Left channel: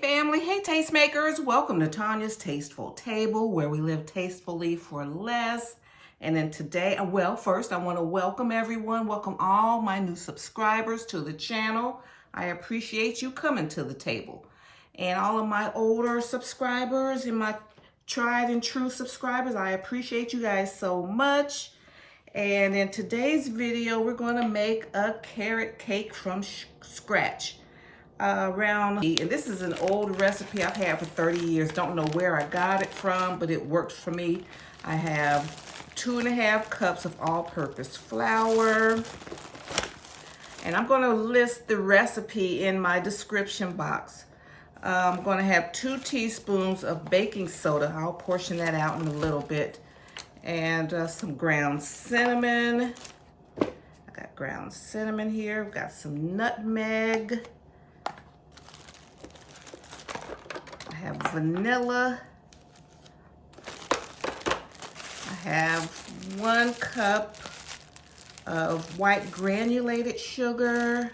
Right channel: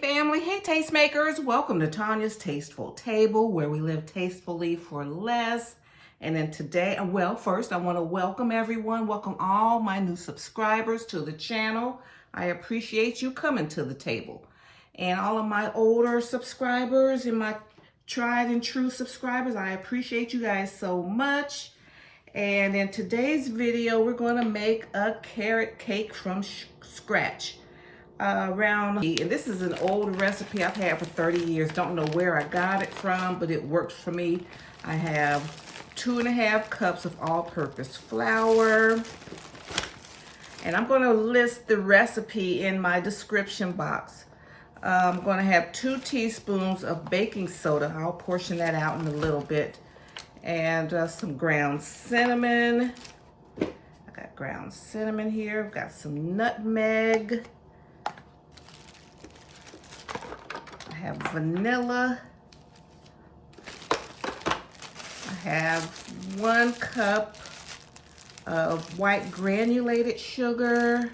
family, hey tastemakers, welcome to Tanya's Tasteful Table, where we live tastefully for less. And then today, first I want to welcome everyone, welcome all my new subscribers to the channel. I appreciate you coming to the table. And all of my older subscribers and my tried and true subscribers, I appreciate you guys so much. And in today's video, we're going to make a carrot cake from scratch. And this is an old recipe I've had for 30 years. Don't know where I got it from, but it works for me. I have 2½ cups of all-purpose flour. And I'm going to list the recipe in my description box. I'm going to have 2 teaspoons of baking soda. I'll portion that out in a little bit. And some ground cinnamon. I got ground cinnamon here. I've got some nutmeg. I have vanilla. I have 1 cup of white granulated sugar.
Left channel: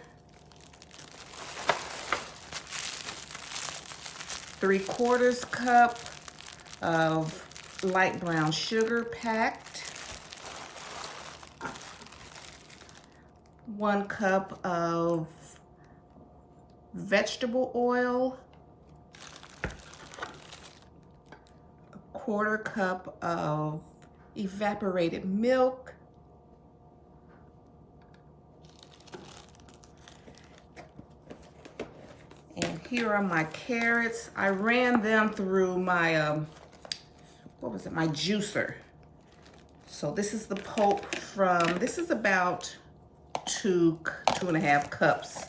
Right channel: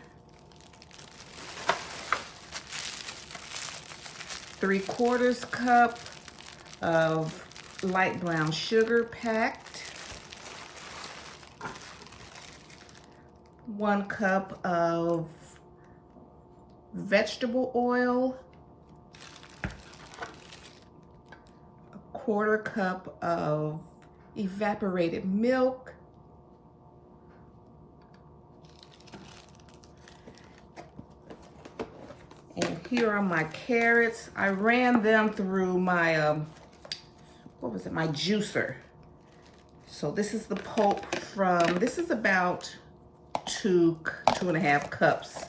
3/4 cup of light brown sugar packed. 1 cup of vegetable oil. 1/4 cup of evaporated milk. And here are my carrots. I ran them through my, my juicer. So this is the pulp from, this is about 2.5 cups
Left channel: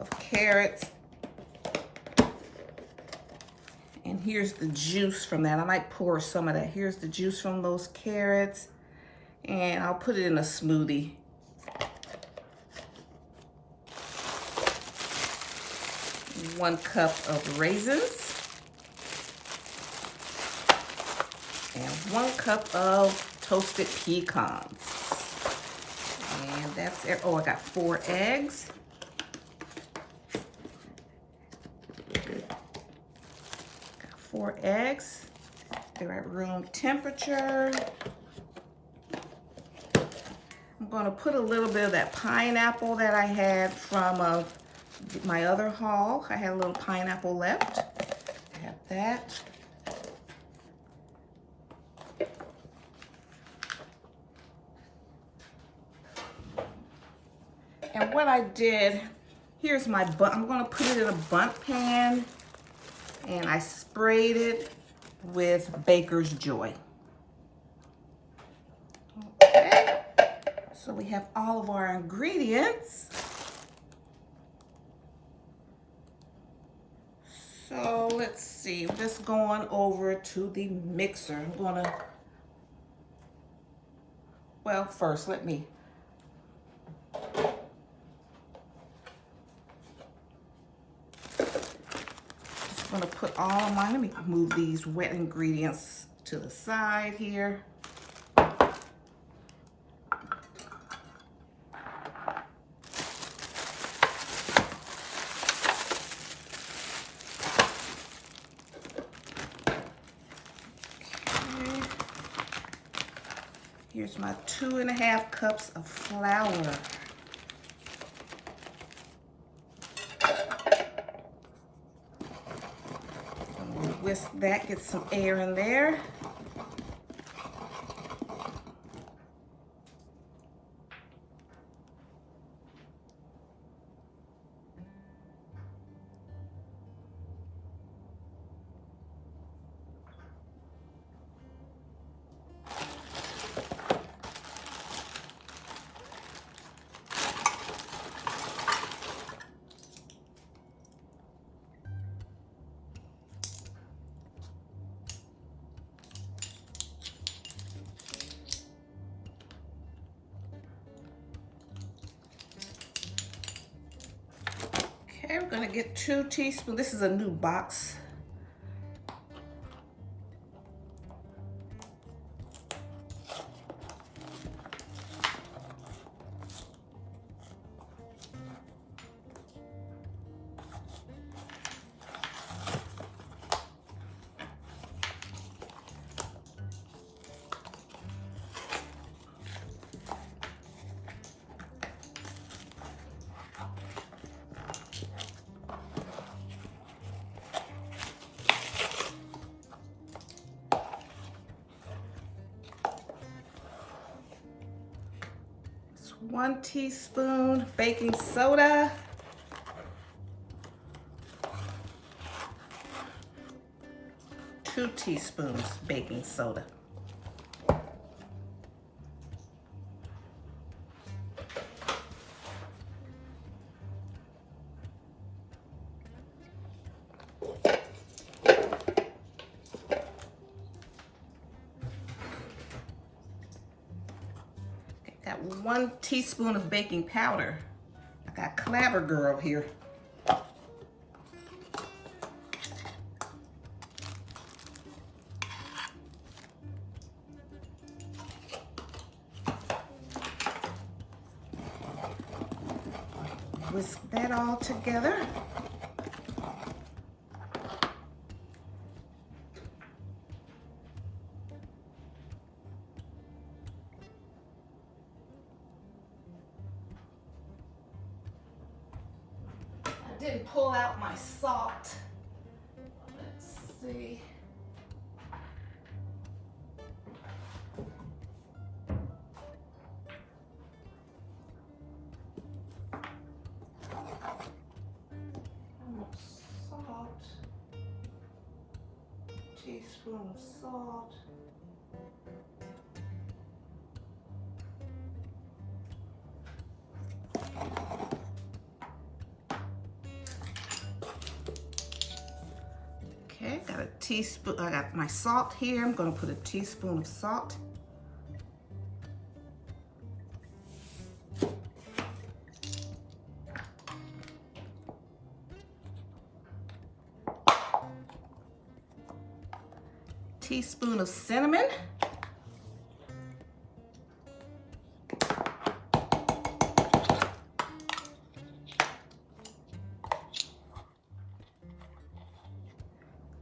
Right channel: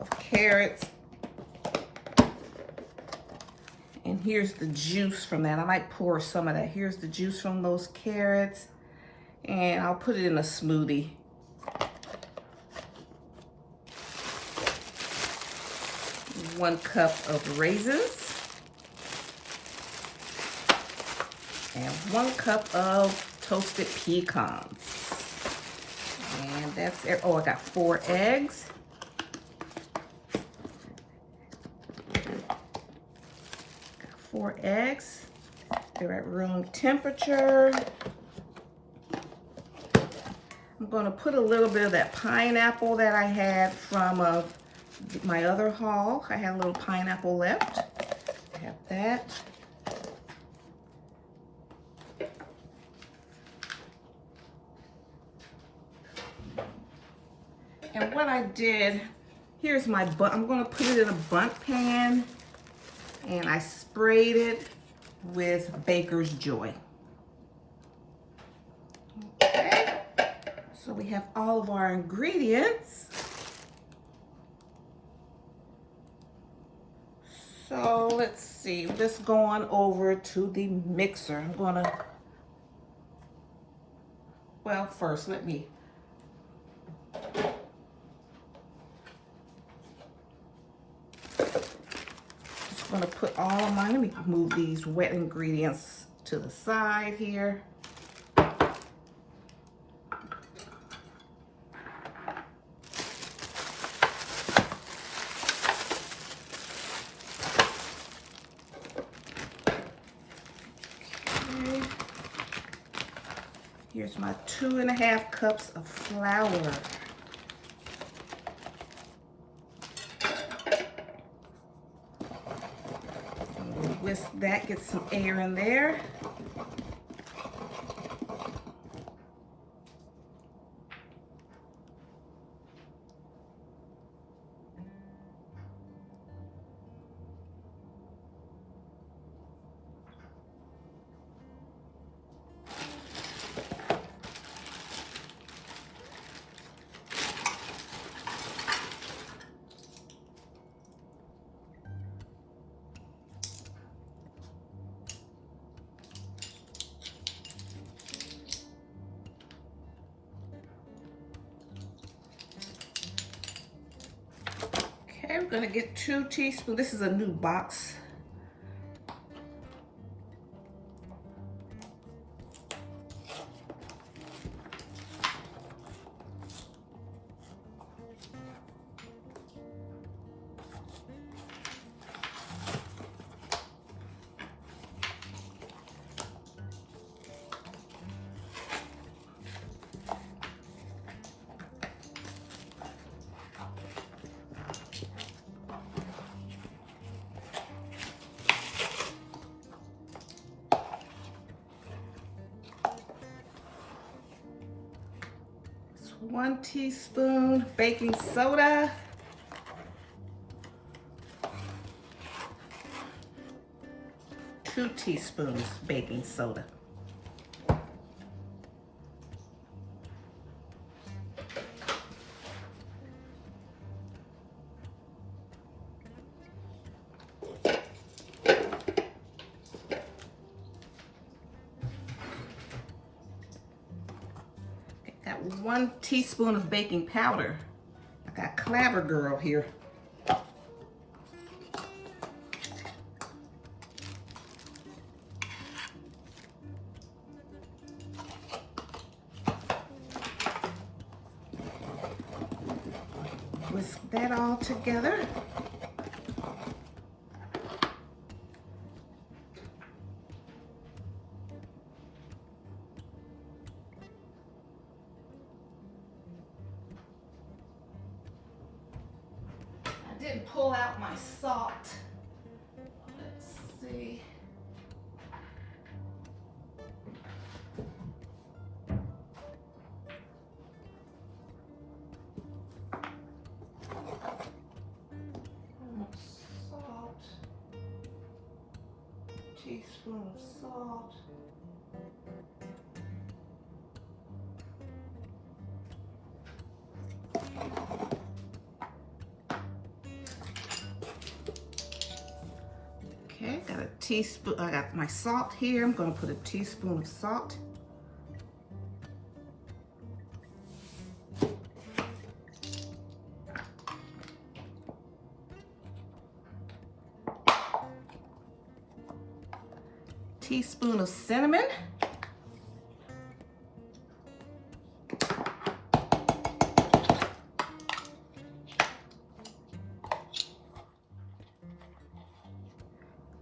of carrots. And here's the juice from that. I might pour some of that. Here's the juice from those carrots. And I'll put it in a smoothie. One cup of raisins. And 1 cup of toasted pecans. And that's it. Oh, I got 4 eggs. Got 4 eggs. They're at room temperature. I'm going to put a little bit of that pineapple that I had from my other haul. I had a little pineapple left. I have that. And what I did, here's my bun. I'm going to put it in a bundt pan, and I sprayed it with Baker's Joy. Okay, so we have all of our ingredients. So let's see, let's go on over to the mixer. I'm gonna, first let me I'm gonna put all of mine, let me move these wet ingredients to the side here. Okay. Here's my 2½ cups of flour. Whisk that, get some air in there. Okay, we're gonna get 2 teaspoons. This is a new box. 1 teaspoon baking soda. 2 teaspoons baking soda. Got 1 teaspoon of baking powder. I got Clabber Girl here. Whisk that all together. I didn't pull out my salt. Let's see. Salt. Teaspoon of salt. Okay, got a teaspoon. I got my salt here. I'm going to put a teaspoon of salt. Teaspoon of cinnamon.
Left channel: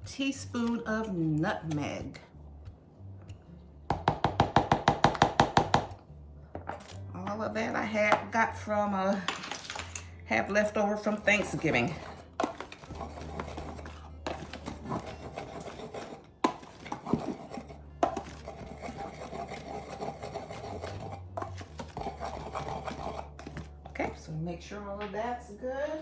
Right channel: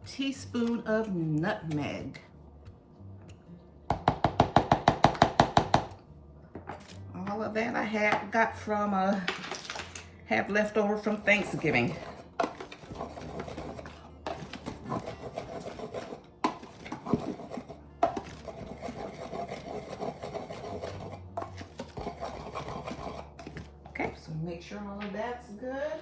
Teaspoon of nutmeg. All of that I got from have left over from Thanksgiving. Okay, so make sure all of that's good.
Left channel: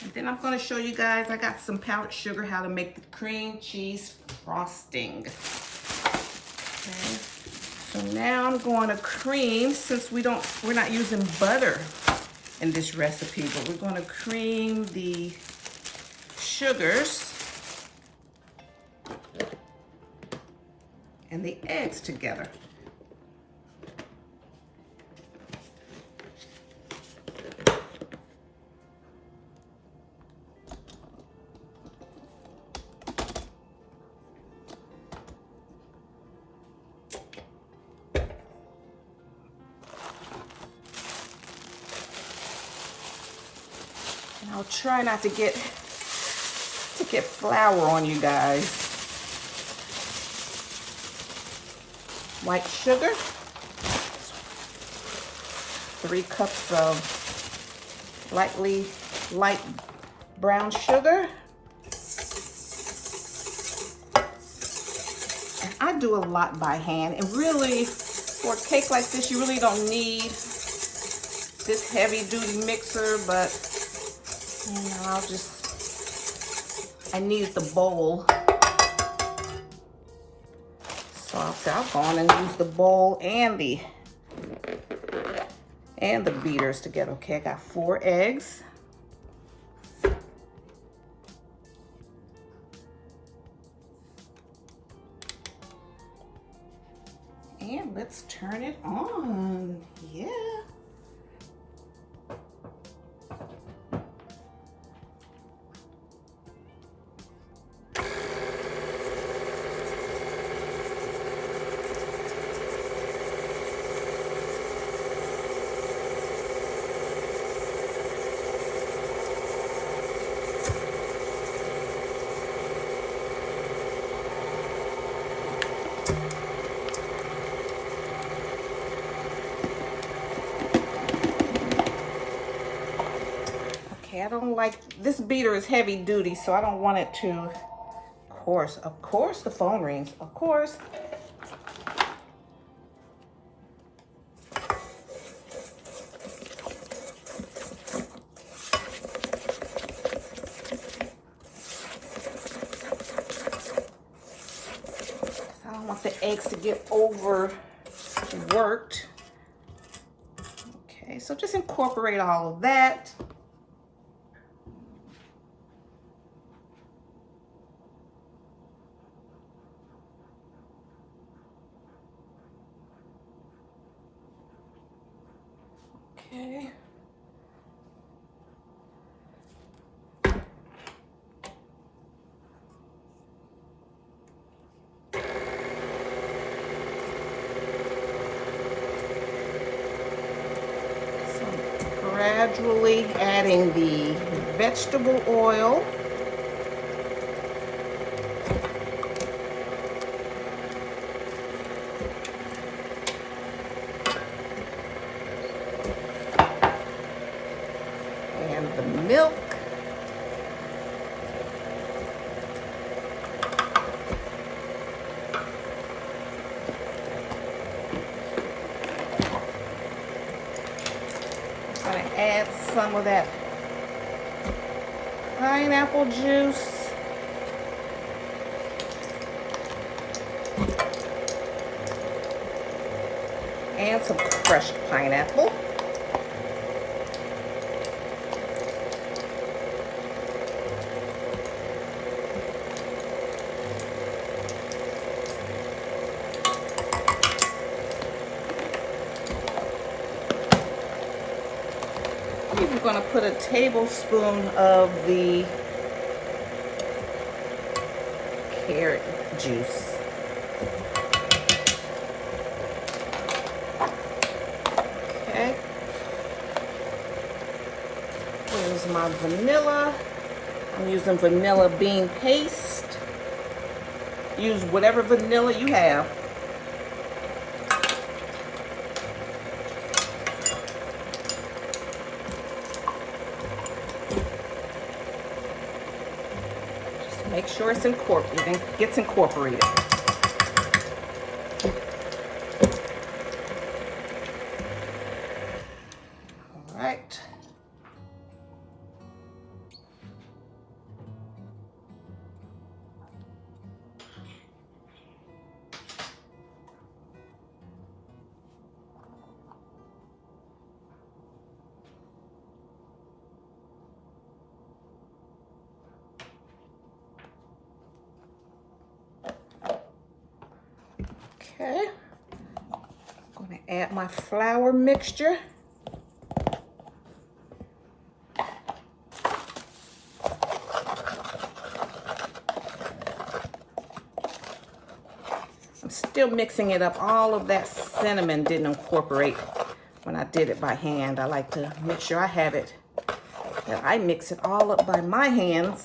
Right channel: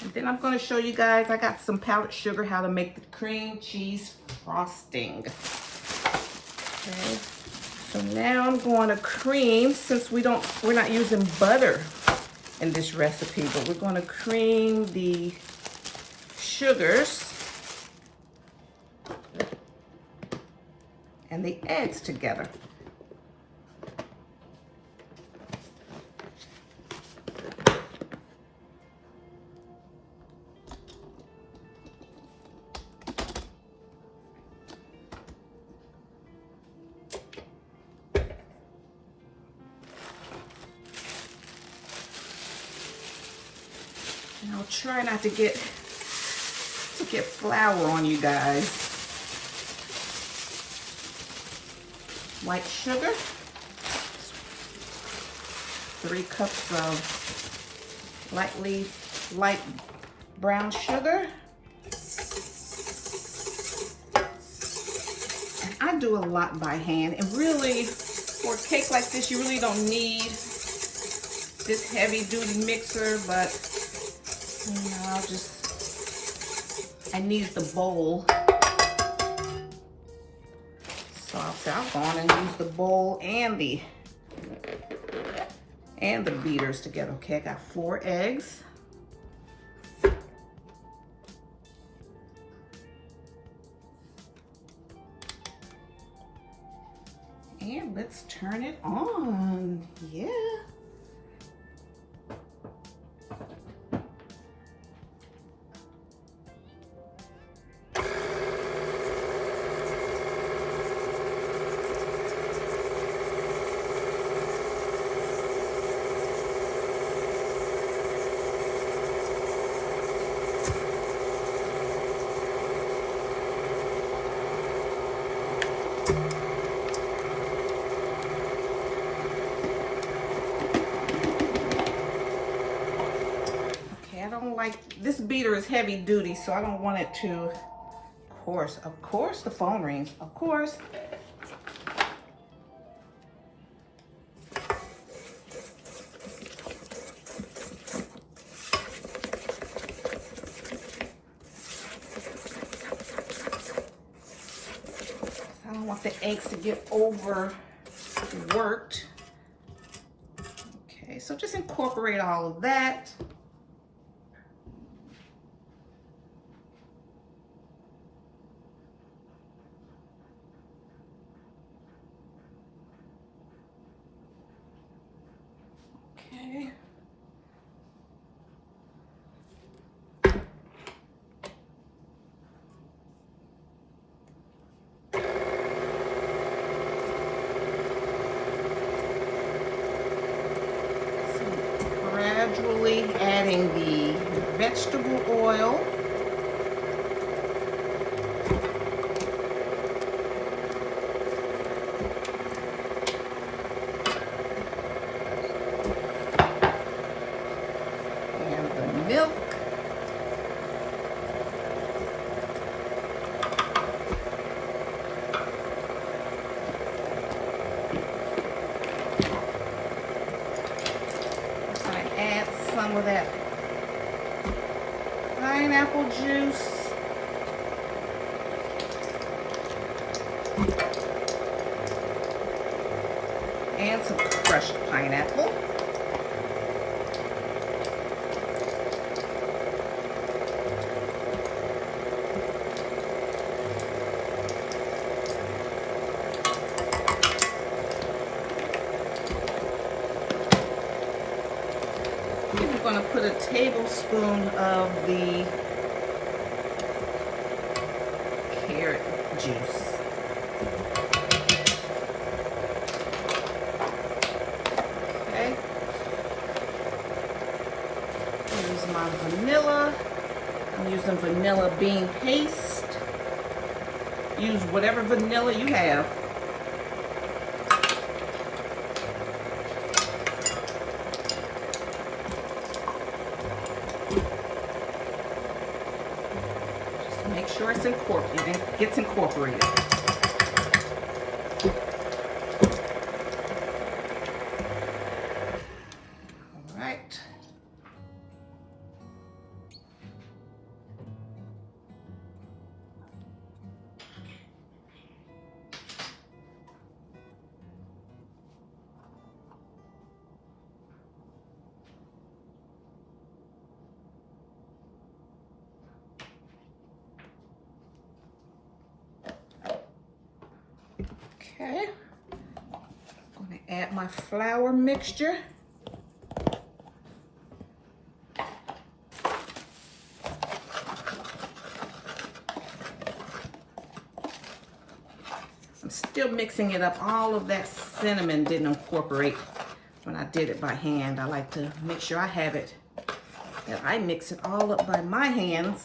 And then I'm going to show you guys, I got some powdered sugar, how to make the cream cheese frosting. Okay, so now I'm going to cream, since we're not using butter in this recipe, but we're going to cream the sugars and the eggs together. And I'll try not to get flour on you guys. White sugar, 3 cups of light brown sugar. I do a lot by hand, and really, for a cake like this, you really don't need this heavy-duty mixer, but you know, I need the bowl. So I'll go on and use the bowl and the beaters together. Okay, I got 4 eggs. And let's turn it on. Yeah. I don't like, this beater is heavy duty, so I don't want it to Of course the phone rings, of course. I don't want the eggs to get overworked. Okay, so just incorporate all of that. Okay. Gradually adding the vegetable oil. And the milk. Some of that pineapple juice. And some fresh pineapple. I'm going to put a tablespoon of the carrot juice. Okay. Here's my vanilla. I'm using vanilla bean paste. Use whatever vanilla you have. Make sure it's incorporated and gets incorporated. All right. Okay, I'm going to add my flour mixture. I'm still mixing it up. All of that cinnamon didn't incorporate when I did it by hand. I like to make sure I have it, that I mix it all up by my hands.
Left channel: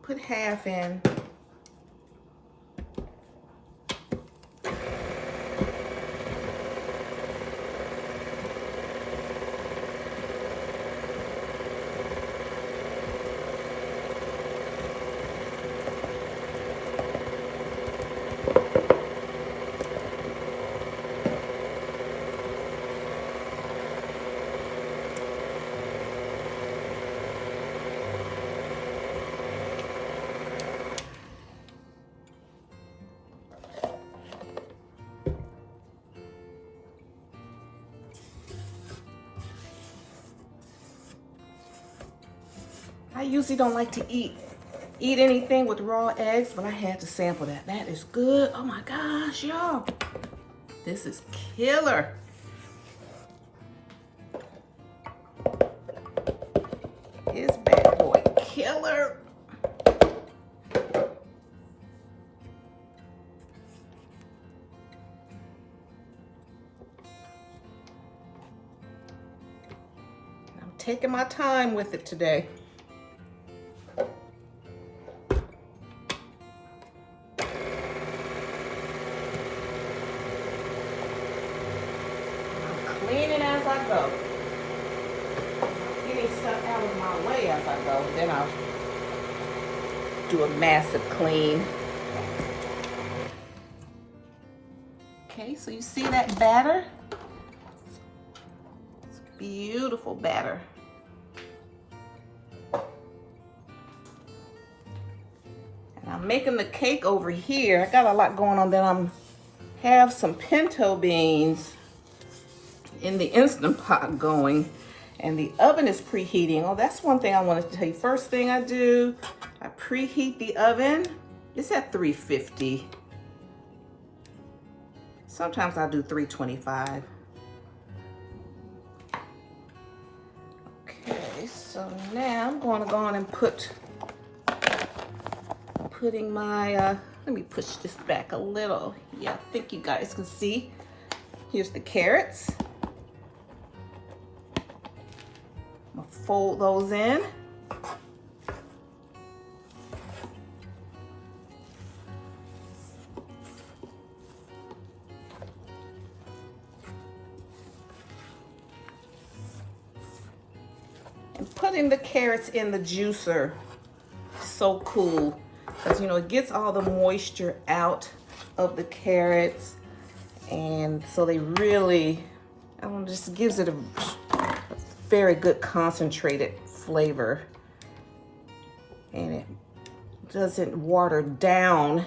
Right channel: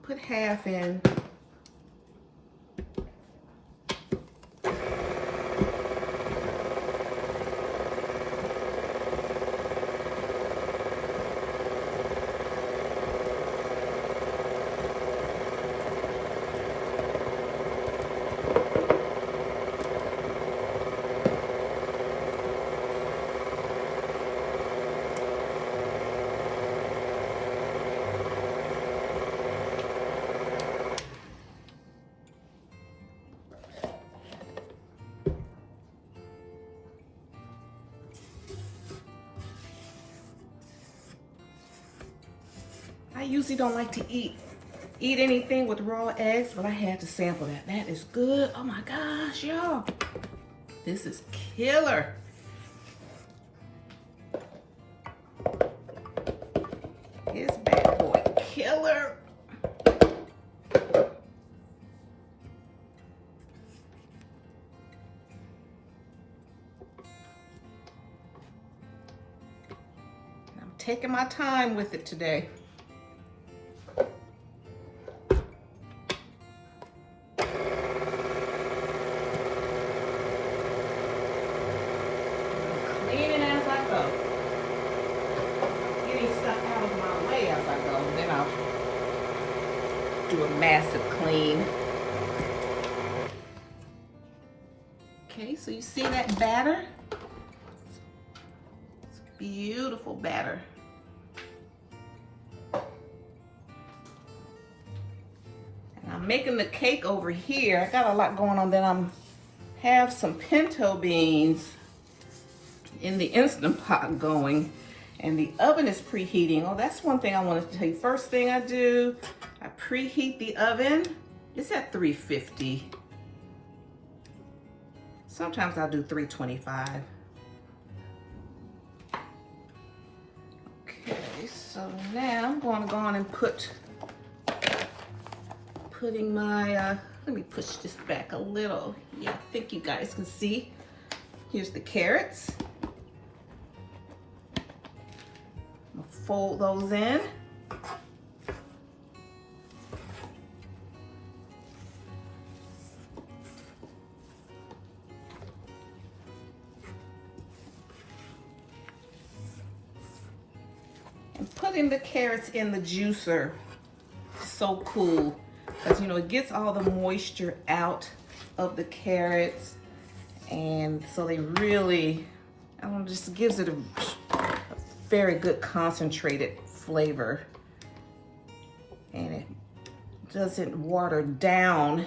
Put half in. I usually don't like to eat anything with raw eggs, but I had to sample that. That is good. Oh my gosh, y'all. This is killer. This bad boy killer. I'm taking my time with it today. Cleaning as I go. Getting do a massive clean. Okay, so you see that batter? It's beautiful batter. And I'm making the cake over here. I got a lot going on. Then I'm have some pinto beans in the Instant Pot going, and the oven is preheating. Oh, that's one thing I wanted to tell you. First thing I do, I preheat the oven. It's at 350. Sometimes I do 325. Okay, so now I'm going to go on and putting my, let me push this back a little. Yeah, I think you guys can see. Here's the carrots. I'm gonna fold those in. And putting the carrots in the juicer, so cool. Because, you know, it gets all the moisture out of the carrots, and so they really, I don't know, just gives it a very good concentrated flavor, and it doesn't water down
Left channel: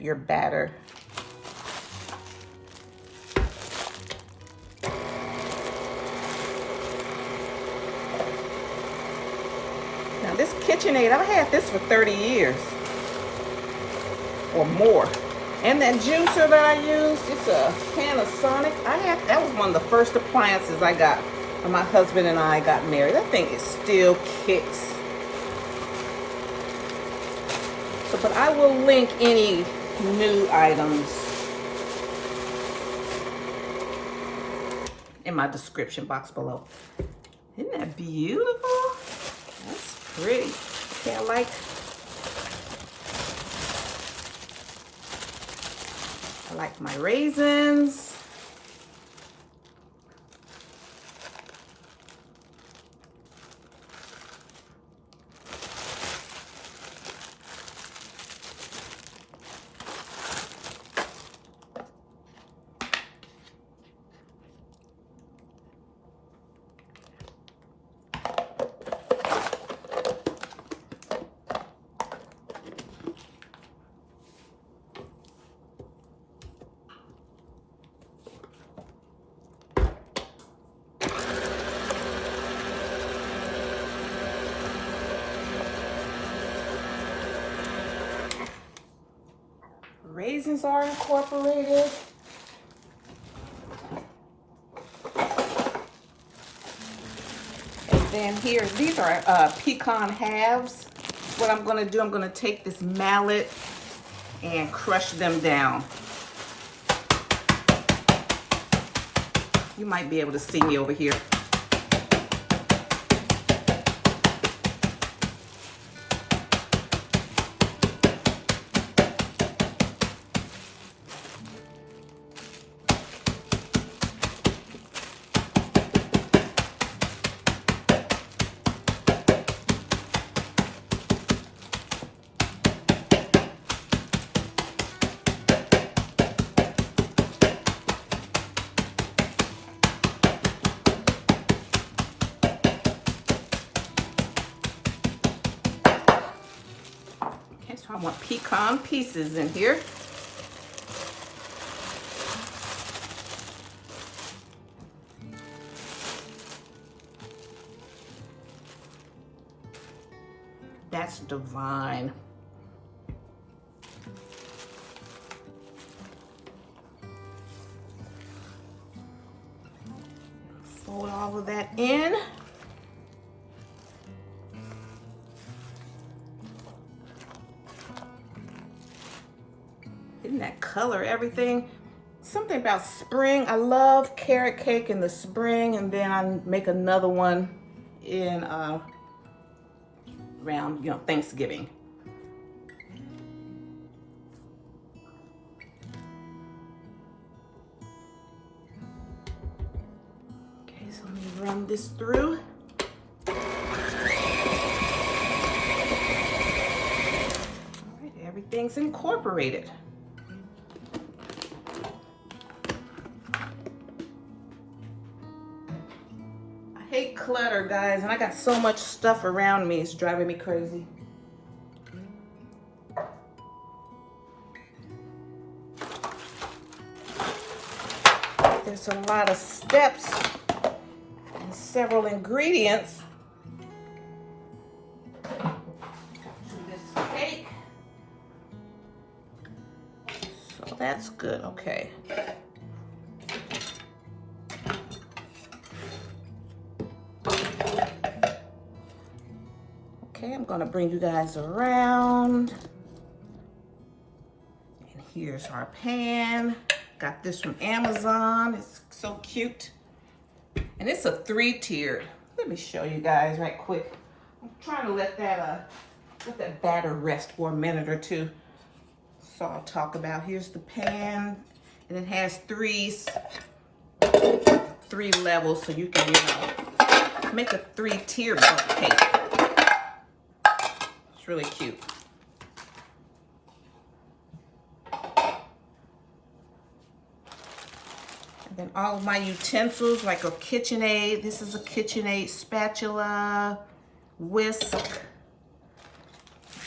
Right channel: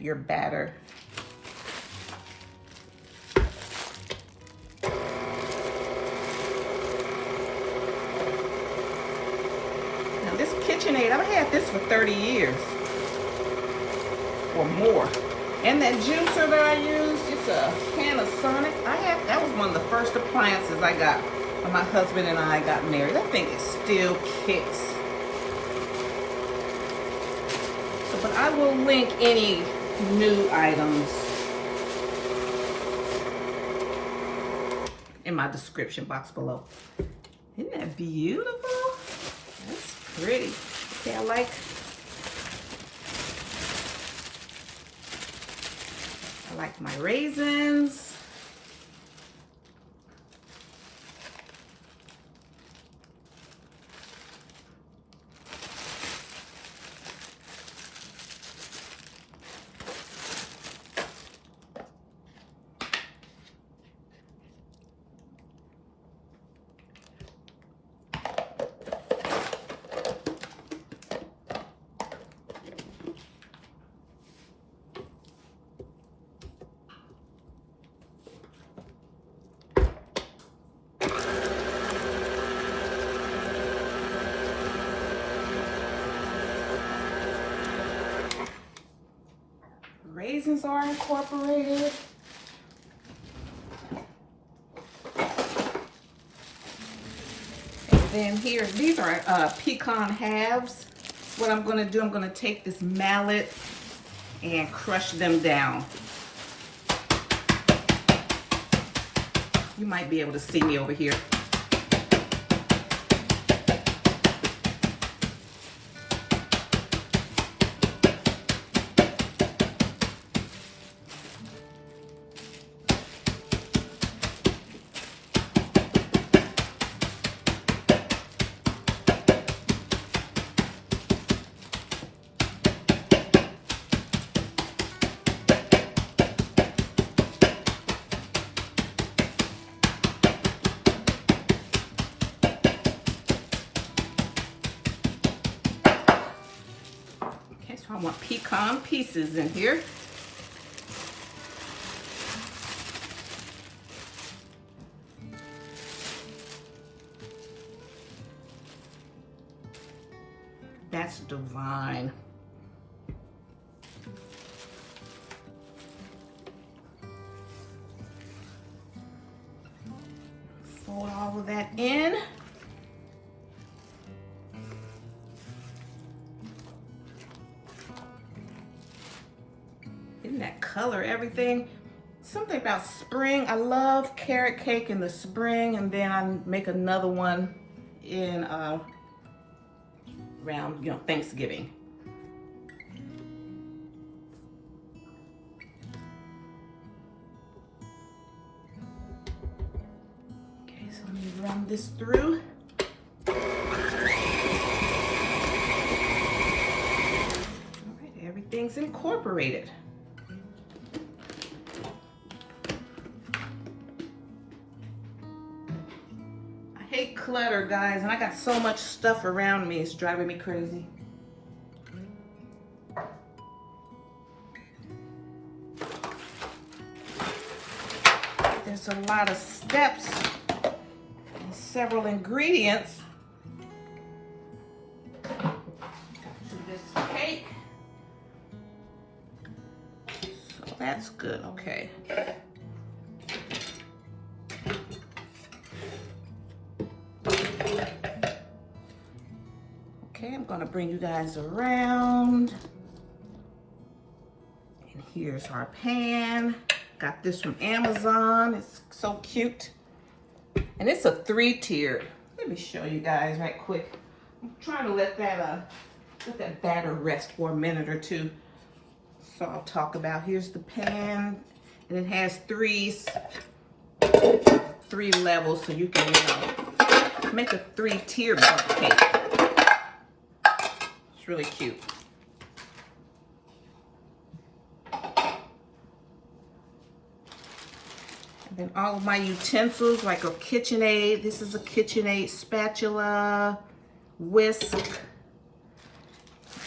your batter. Now this KitchenAid, I've had this for 30 years. Or more. And that juicer that I use, it's a Panasonic. That was one of the first appliances I got when my husband and I got married. That thing is still kicks. But I will link any new items in my description box below. Isn't that beautiful? That's pretty. Okay, I like my raisins. Raisins are incorporated. And then here, these are pecan halves. What I'm going to do, I'm going to take this mallet and crush them down. You might be able to see me over here. I want pecan pieces in here. That's divine. Fold all of that in. Isn't that color everything? Something about spring. I love carrot cake in the spring, and then I make another one in around, you know, Thanksgiving. Okay, so let me run this through. everything's incorporated. I hate clutter, guys, and I got so much stuff around me, it's driving me crazy. There's a lot of steps and several ingredients to this cake. So that's good, okay. Okay, I'm gonna bring you guys around. And here's our pan. Got this from Amazon. It's so cute. And it's a 3-tiered. Let me show you guys right quick. I'm trying to let that batter rest for a minute or two. So I'll talk about, here's the pan. And it has three levels, so you can, make a 3-tier bundt cake. It's really cute. Then all of my utensils, like a KitchenAid. This is a KitchenAid spatula, whisk,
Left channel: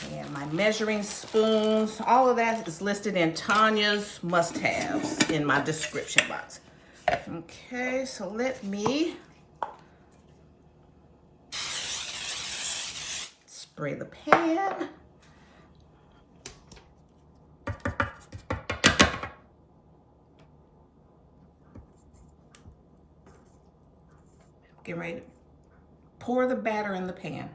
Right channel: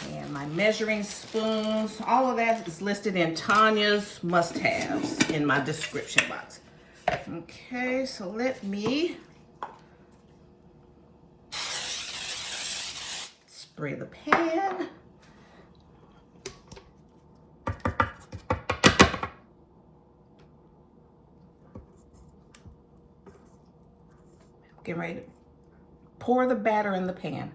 and my measuring spoons. All of that is listed in Tanya's must-haves in my description box. Okay, so let me spray the pan. Get ready to pour the batter in the pan.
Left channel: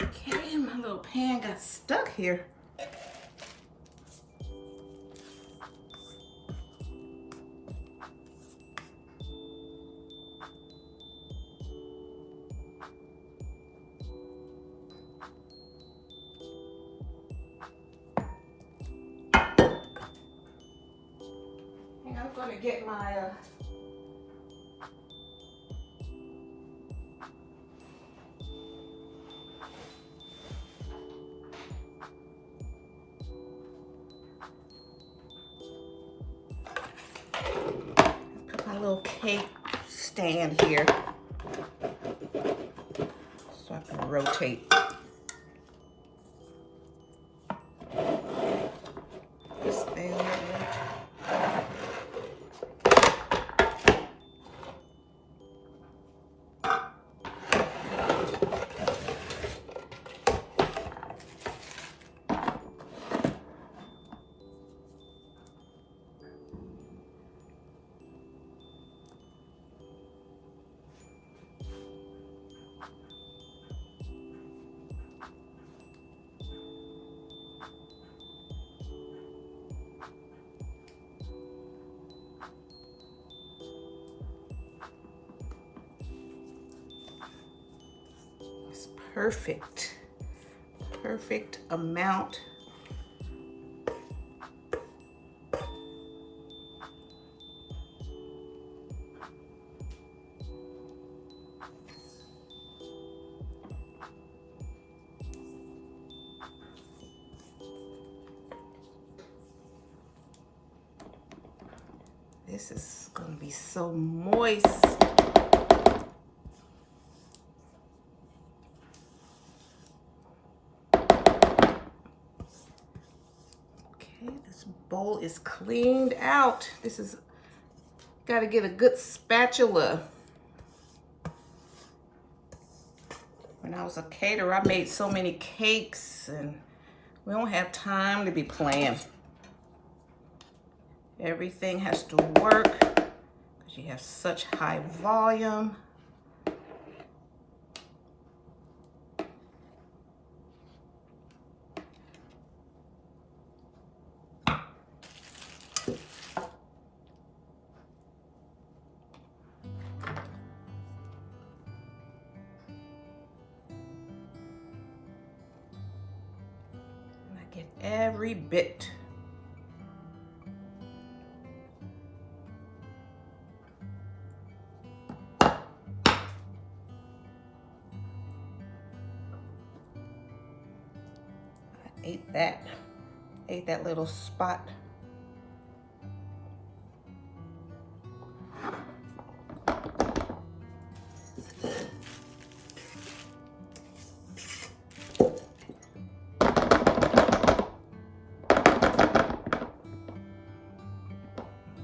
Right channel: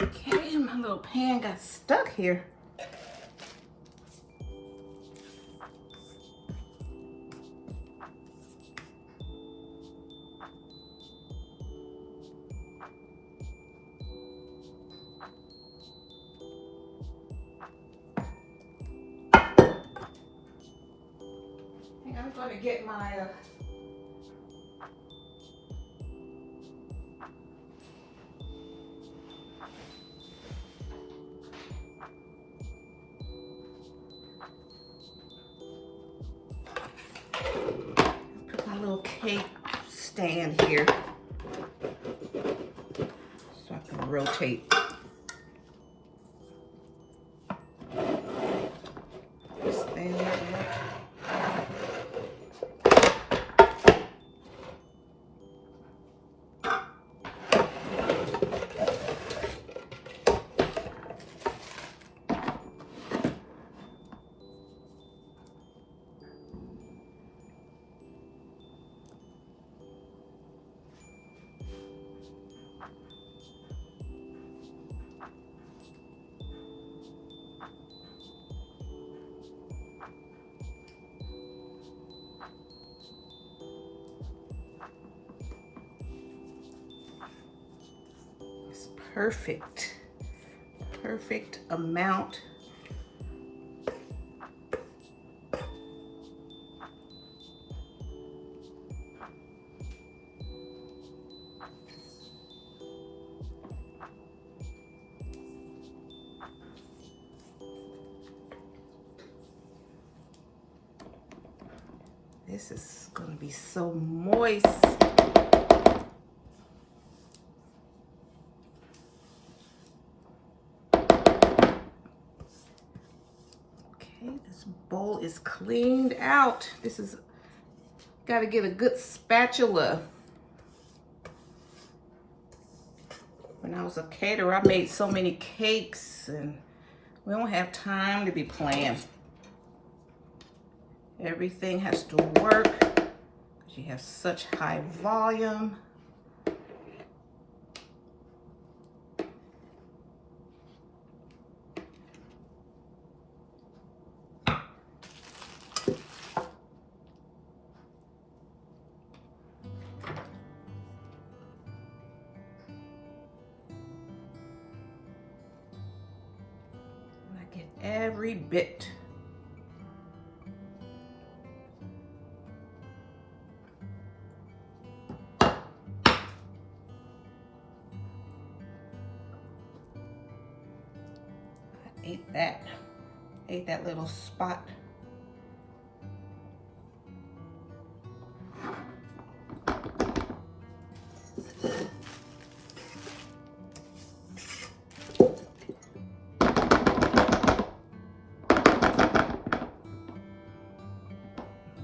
Okay, my little pan got stuck here. I'm gonna get my put my little cake stand here so I can rotate this thing like that. Perfect amount. This is going to be so moist. This bowl is cleaned out. This is, got to get a good spatula. When I was a caterer, I made so many cakes and we don't have time to be playing. Everything has to work because you have such high volume. Get every bit. Ate that little spot.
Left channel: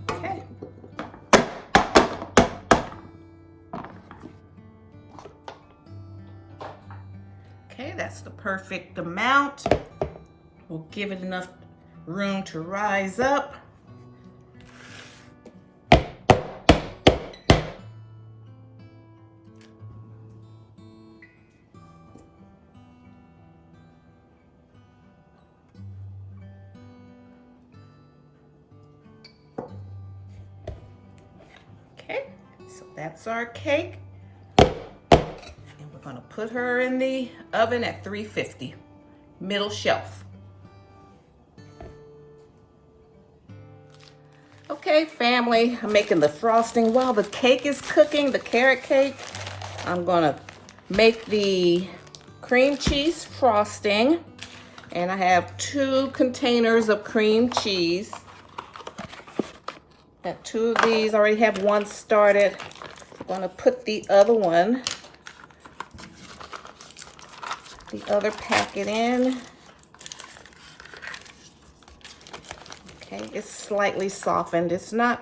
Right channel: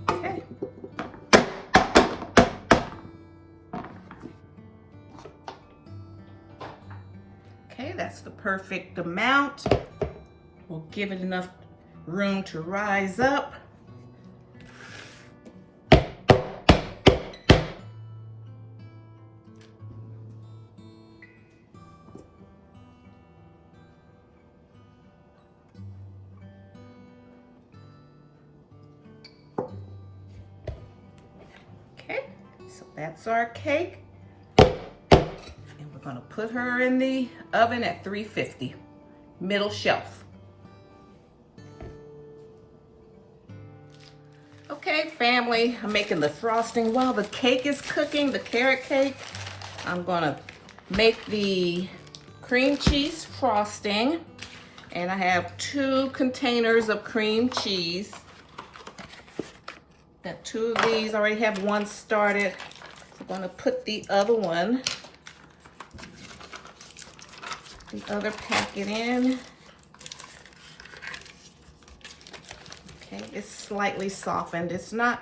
Okay. Okay, that's the perfect amount. We'll give it enough room to rise up. Okay, so that's our cake. And we're gonna put her in the oven at 350, middle shelf. Okay, family, I'm making the frosting while the cake is cooking, the carrot cake. I'm gonna make the cream cheese frosting, and I have 2 containers of cream cheese. And 2 of these, I already have one started. I'm gonna put the other one, the other packet in. Okay, it's slightly softened. It's not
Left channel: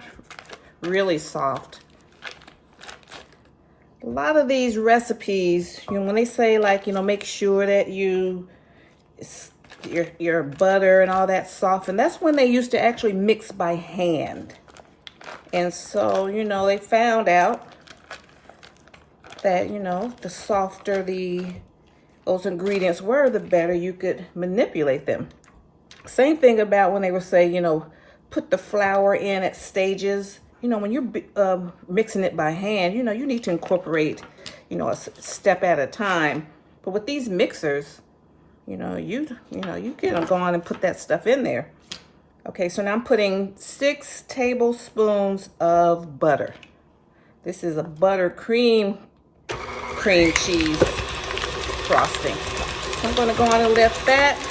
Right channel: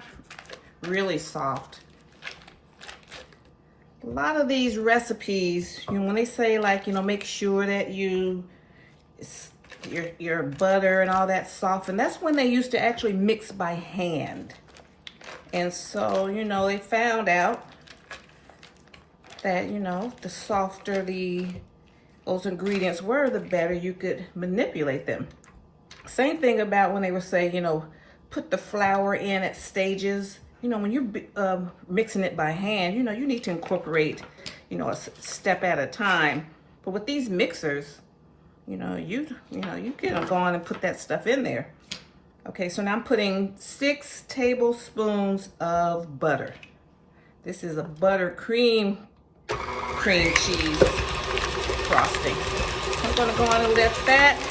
really soft. A lot of these recipes, you know, when they say like, you know, make sure that your butter and all that soften, that's when they used to actually mix by hand. And so, you know, they found out that, you know, the softer those ingredients were, the better you could manipulate them. Same thing about when they were saying, you know, put the flour in at stages. You know, when you're mixing it by hand, you know, you need to incorporate, you know, a step at a time. But with these mixers, you know, you can go on and put that stuff in there. Okay, so now I'm putting 6 tablespoons of butter. This is a butter cream cheese frosting. So I'm gonna go on and lift that.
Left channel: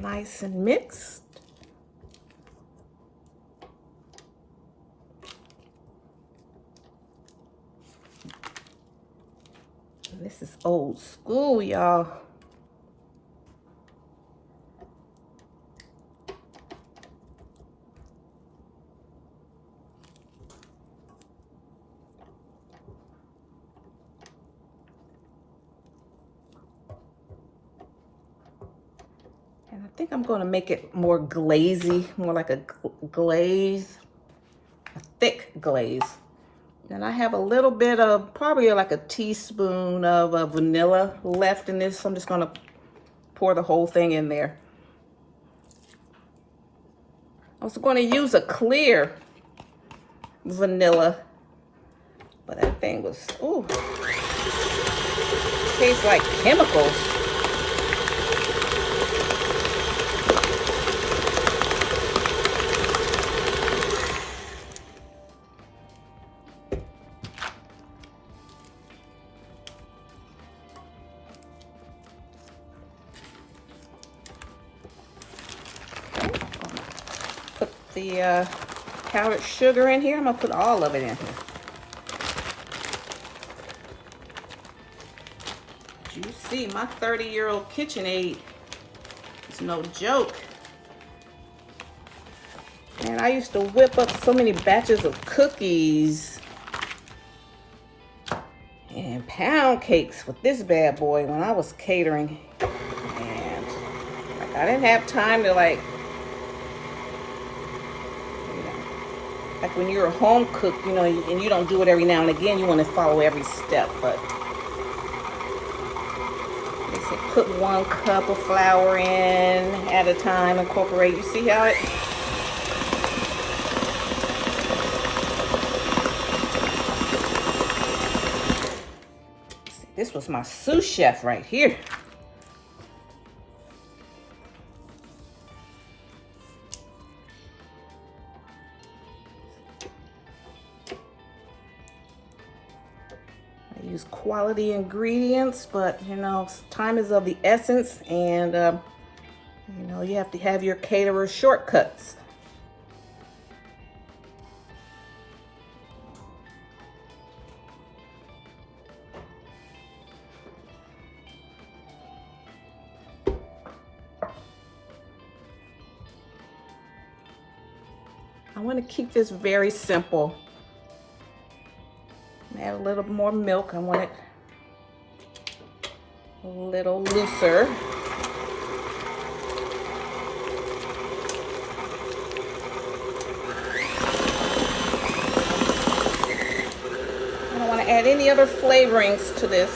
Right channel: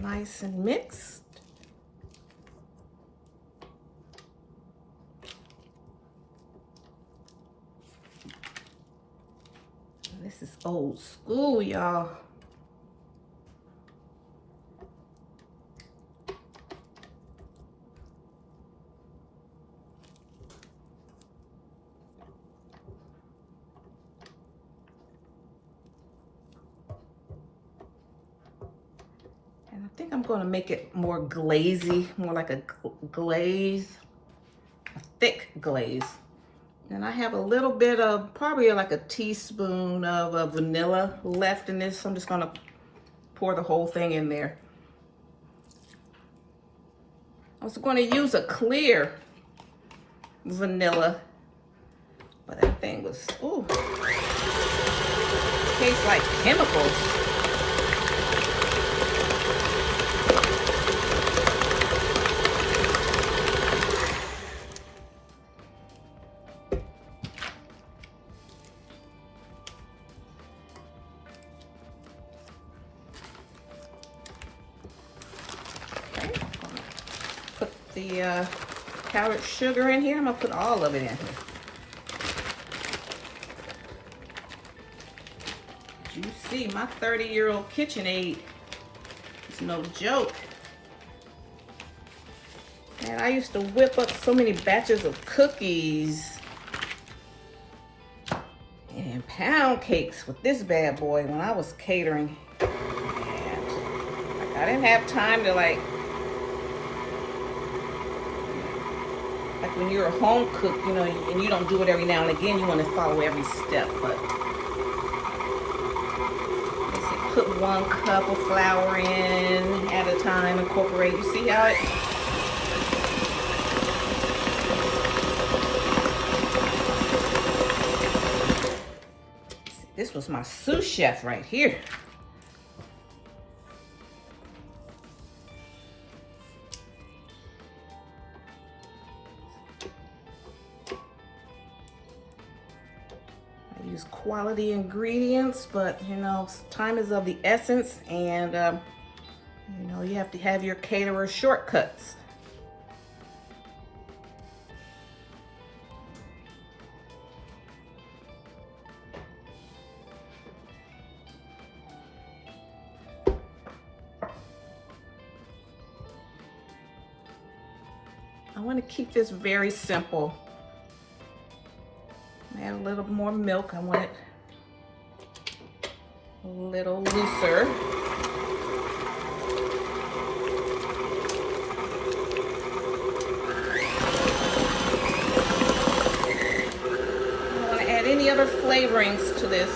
Nice and mixed. This is old school, y'all. I think I'm going to make it more glazy, more like a glaze, a thick glaze. And I have a little bit of, probably like a teaspoon of vanilla left in this. So I'm just going to pour the whole thing in there. I was going to use a clear vanilla, but that thing was, ooh, tastes like chemicals. The powdered sugar in here. I'm gonna put all of it in here. You see, my 30-year-old KitchenAid is no joke. Man, I used to whip up so many batches of cookies and pound cakes with this bad boy when I was catering. And I didn't have time to like when you're a home cook, you know, and you don't do it every now and again, you want to follow every step. But put 1 cup of flour in at a time, incorporate. You see how it? This was my sous chef right here. Use quality ingredients, but you know, time is of the essence, and you know, you have to have your caterer's shortcuts. I want to keep this very simple. Add a little more milk. I want it a little looser. I don't want to add any other flavorings to this.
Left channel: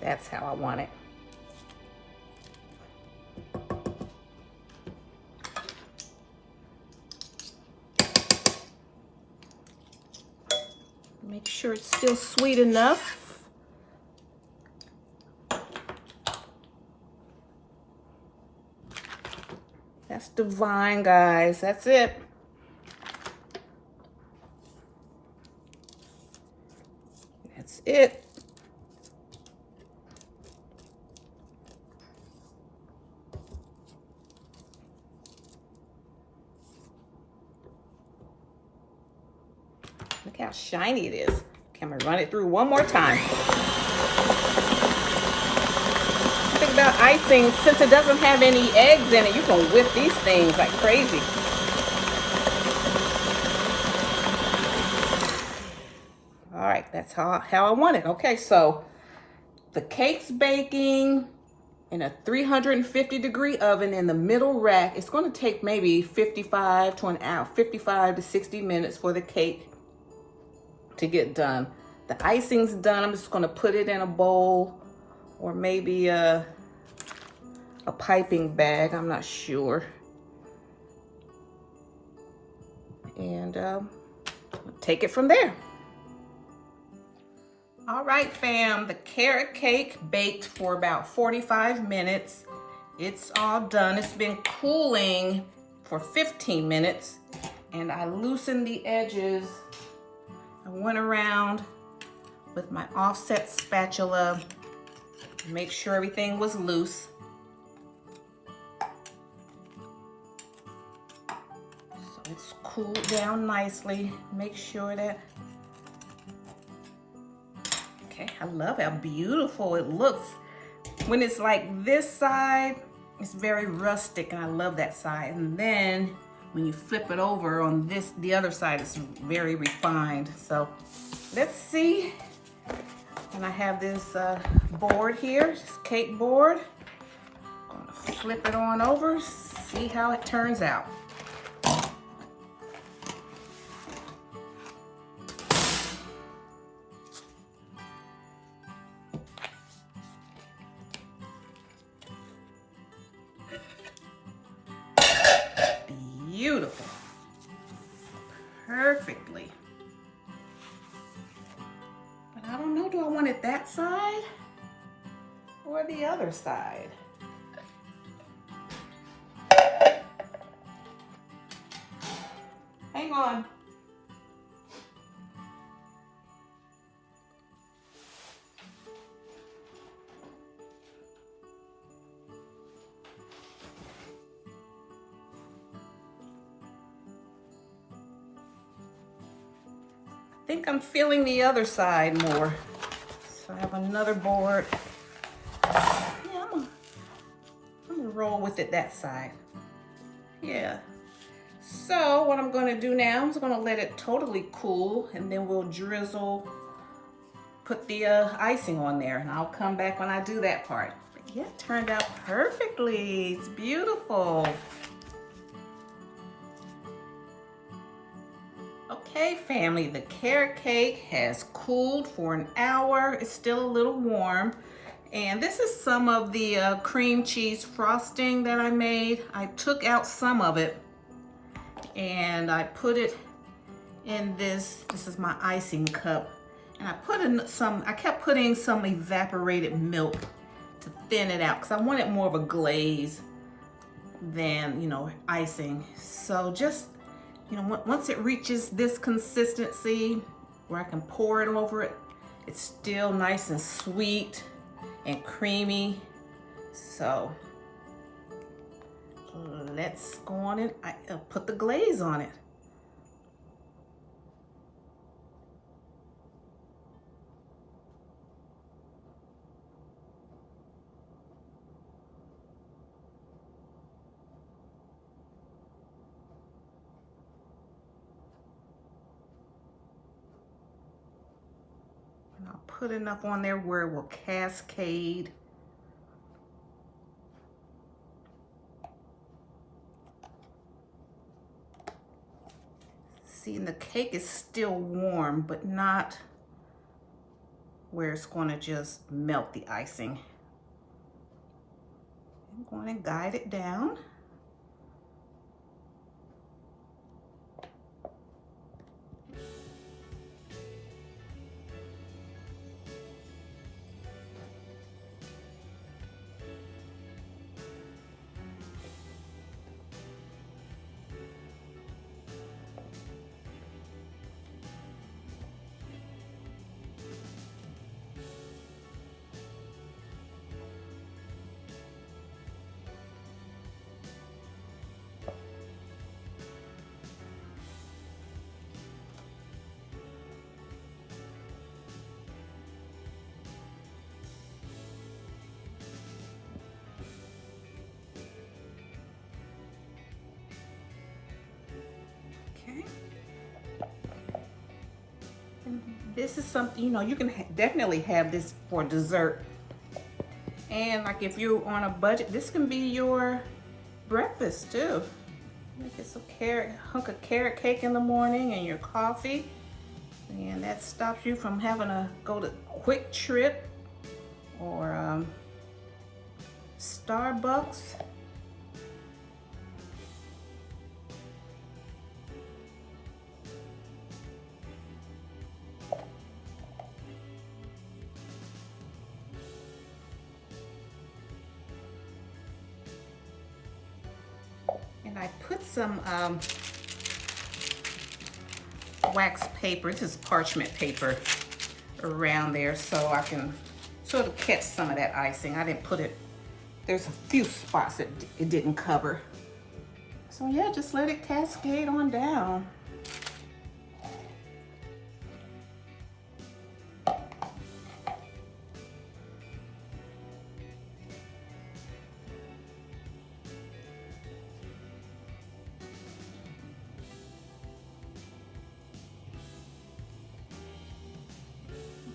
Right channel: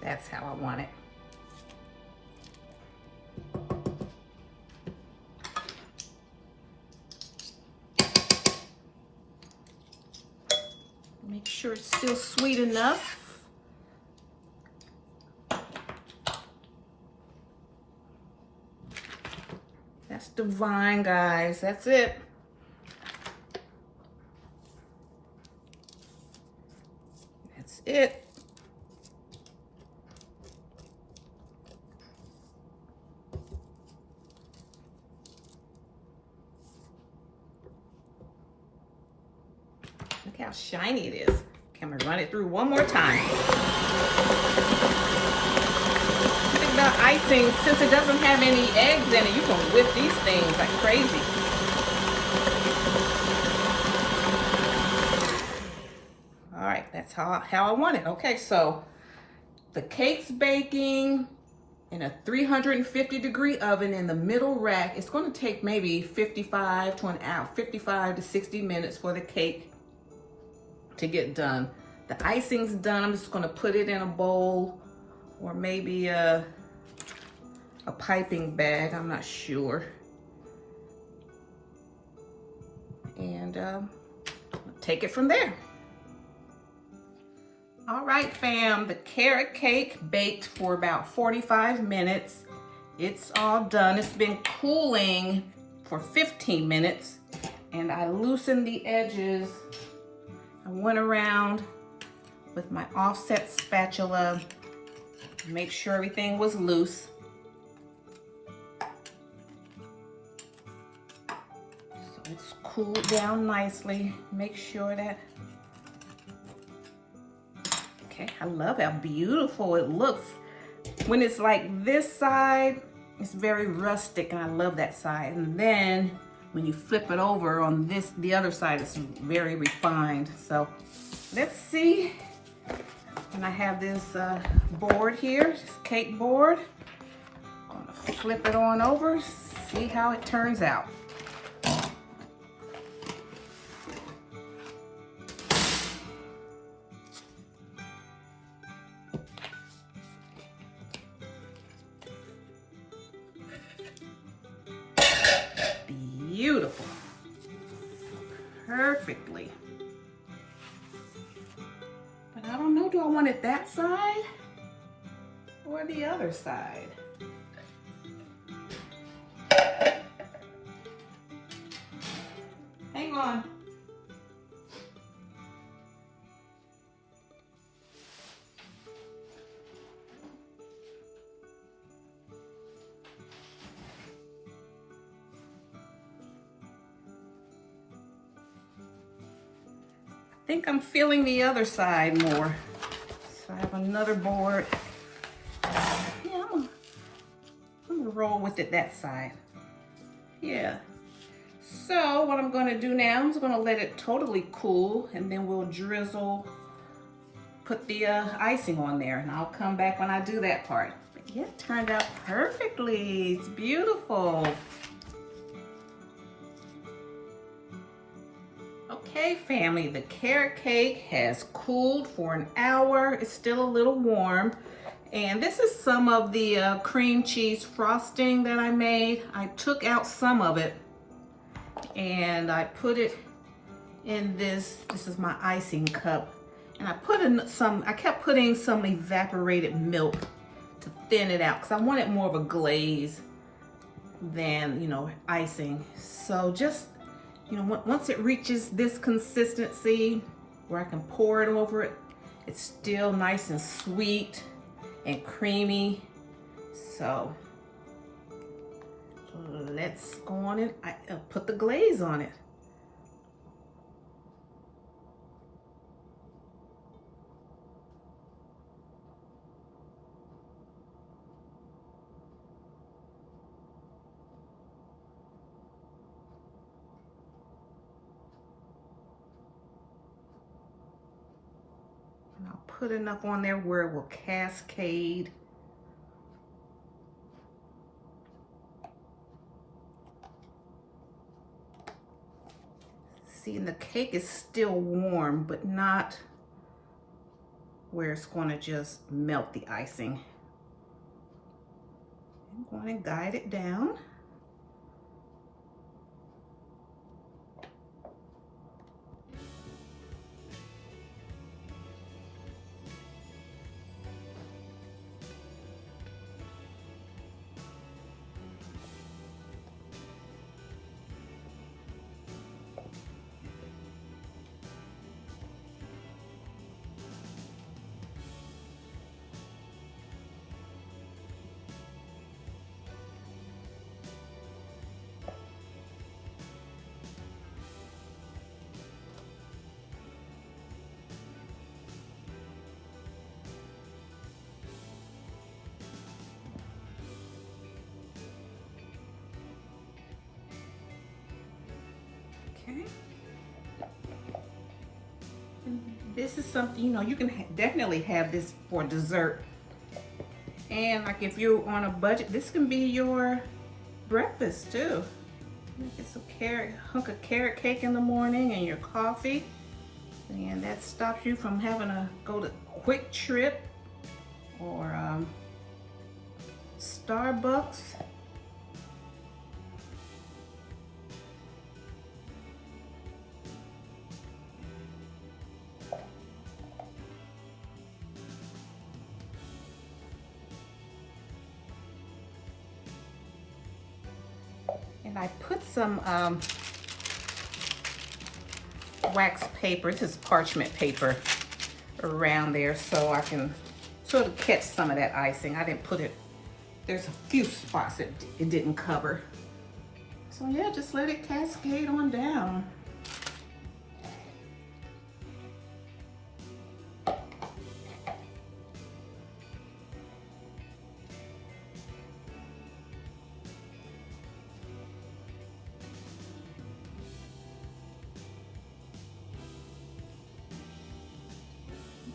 That's how I want it. Make sure it's still sweet enough. That's divine, guys. That's it. That's it. Look how shiny it is. Can we run it through one more time? Think about icing. Since it doesn't have any eggs in it, you can whip these things like crazy. All right, that's how I want it. Okay, so the cake's baking in a 350-degree oven in the middle rack. It's going to take maybe 55 to 60 minutes for the cake to get done. The icing's done. I'm just going to put it in a bowl or maybe a piping bag. I'm not sure. And take it from there. All right, fam, the carrot cake baked for about 45 minutes. It's all done. It's been cooling for 15 minutes, and I loosened the edges. I went around with my offset spatula to make sure everything was loose. So it's cooled down nicely. Make sure that, okay, I love how beautiful it looks. When it's like this side, it's very rustic, and I love that side. And then when you flip it over on the other side, it's very refined. So let's see. And I have this board here, this cake board. I'm gonna flip it on over, see how it turns out. Beautiful. Perfectly. But I don't know, do I want it that side or the other side? Hang on. I think I'm feeling the other side more. So I have another board. Yeah, I'm gonna roll with it that side. Yeah. So what I'm gonna do now, I'm gonna let it totally cool, and then we'll put the icing on there, and I'll come back when I do that part. But yeah, it turned out perfectly. It's beautiful. Okay, family, the carrot cake has cooled for an hour. It's still a little warm. And this is some of the cream cheese frosting that I made. I took out some of it and I put it in this is my icing cup. And I put in I kept putting some evaporated milk to thin it out because I wanted more of a glaze than, you know, icing. So just, you know, once it reaches this consistency where I can pour it over it, it's still nice and sweet and creamy. So let's go on and put the glaze on it. And I'll put enough on there where it will cascade. See, and the cake is still warm, but not where it's going to just melt the icing. I'm going to guide it down. Okay. This is something, you know, you can definitely have this for dessert. And like if you're on a budget, this can be your breakfast too. You get some hunk of carrot cake in the morning and your coffee. And that stops you from having to go to Quick Trip or Starbucks. And I put some wax paper, this is parchment paper, around there so I can sort of catch some of that icing. I didn't put it, there's a few spots that it didn't cover. So yeah, just let it cascade on down.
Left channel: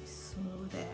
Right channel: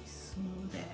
Smooth that.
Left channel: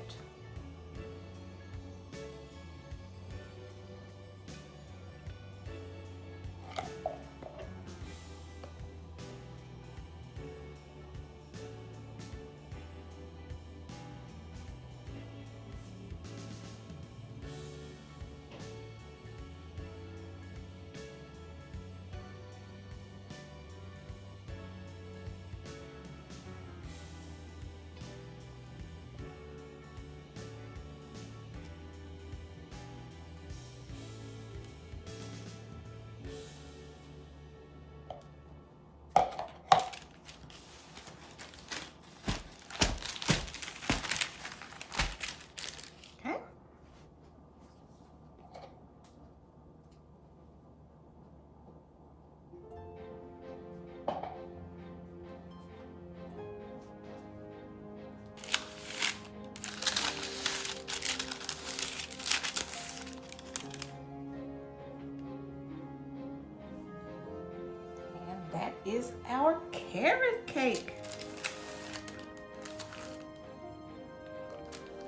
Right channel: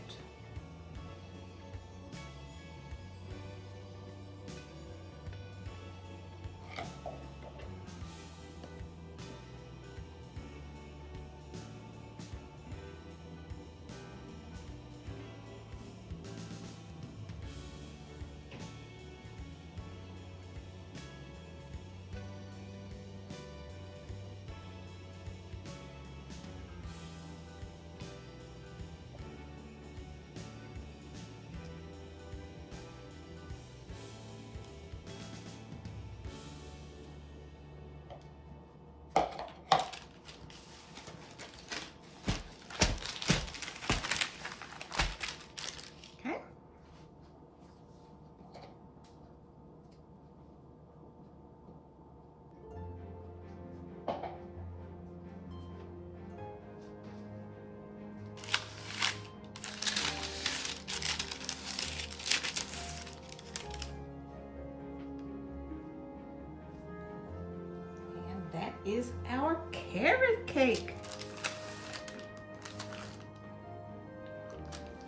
is our carrot cake.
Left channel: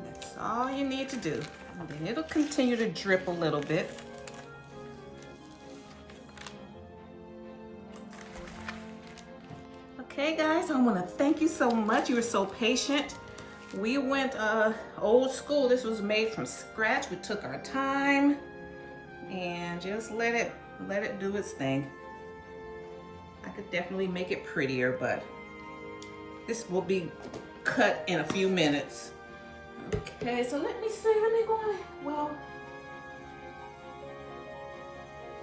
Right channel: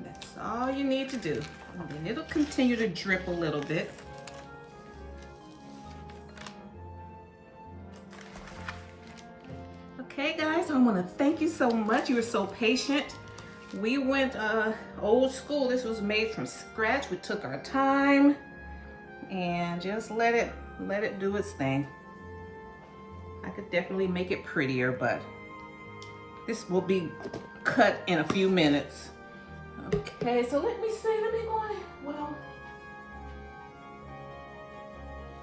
That's all you need to do. And then it'll continue to drip a little bit. Okay guys, I want to thank you so much. You were so patient. We went old school. This was made from scratch. We took our time and just let it do its thing. I could definitely make it prettier, but this will be cut in a few minutes. Okay, so let me go on. Well,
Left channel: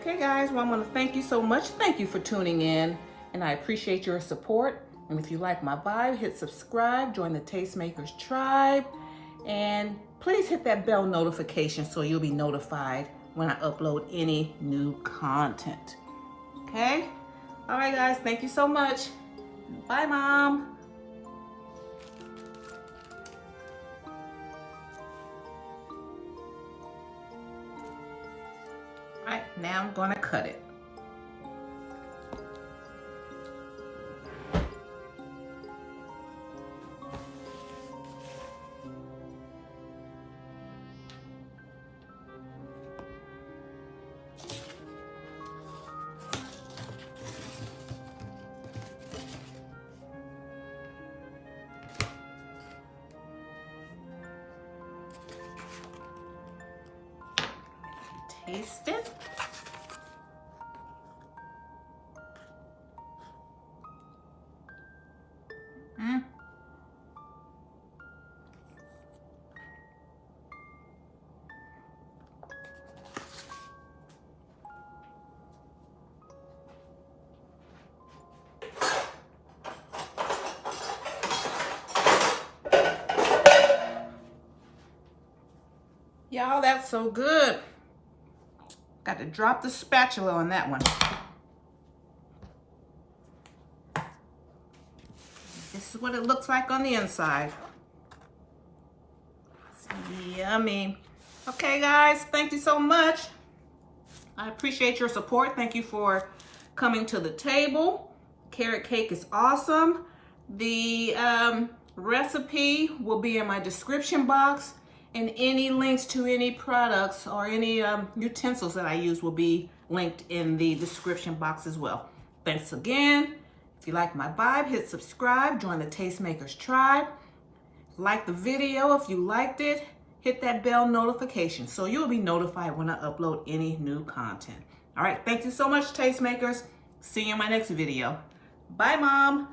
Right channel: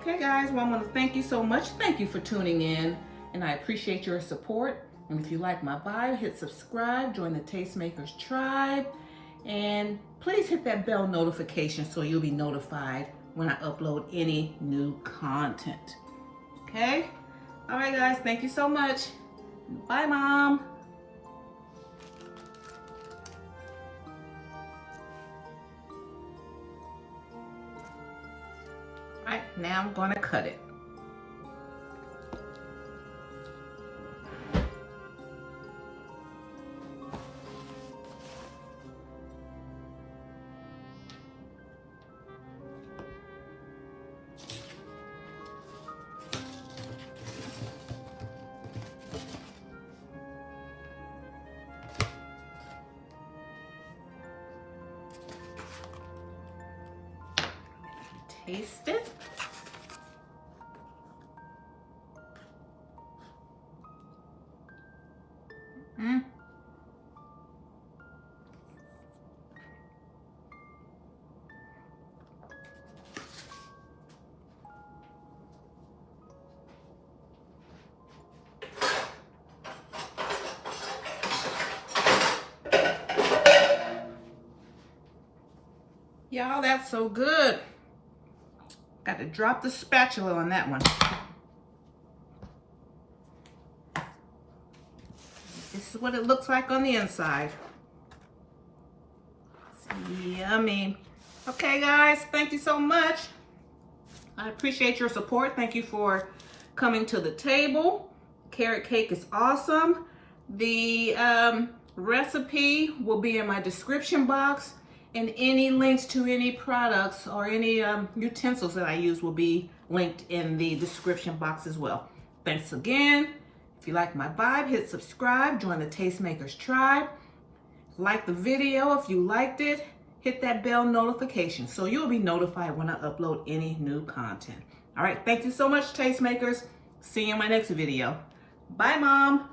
okay guys, well, I'm going to thank you so much. Thank you for tuning in, and I appreciate your support. And if you like my vibe, hit subscribe, join the Tastemakers tribe, and please hit that bell notification so you'll be notified when I upload any new content. Okay? All right, guys, thank you so much. Bye, Mom. All right, now I'm gonna cut it. Taste it. Y'all, that's so good. Got to drop the spatula on that one. This is what it looks like on the inside. It's yummy. Okay, guys, thank you so much. I appreciate your support. Thank you for coming to the table. Carrot cake is awesome. The recipe will be in my description box, and any links to any products or any utensils that I use will be linked in the description box as well. Thanks again. If you like my vibe, hit subscribe, join the Tastemakers tribe. Like the video if you liked it. Hit that bell notification so you'll be notified when I upload any new content. All right, thank you so much, Tastemakers. See you in my next video. Bye, Mom.